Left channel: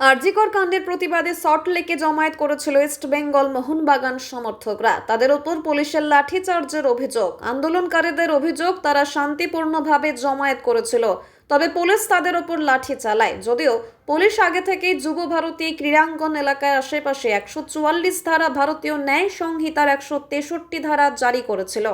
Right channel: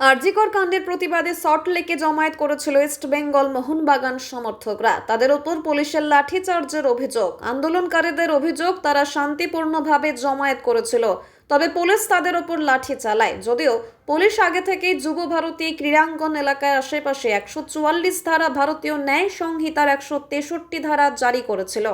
আরজিকর কাণ্ডের প্রতিবাদে সল্টলেকে জমায়েত করেছিল ইস্ট বেঙ্গল মোহনবাগান সমর্থকরা। তাদের ওপর পুলিশের লাঠিচার্জের অভিযোগ। আন্দোলনকারীদের অভিযোগ, তারা শান্তিপূর্ণভাবে জমায়েত করেছিল, তবে পুলিশ তাদের ওপর লাঠি চালায়। যদিও পুলিশ আগে থেকেই যুব ভারতী ক্রীড়াঙ্গন এলাকায় আশেপাশে 144 ধারা, ভারতীয় ন্যায় সংহিতার 163 ধারা জারি করেছিল।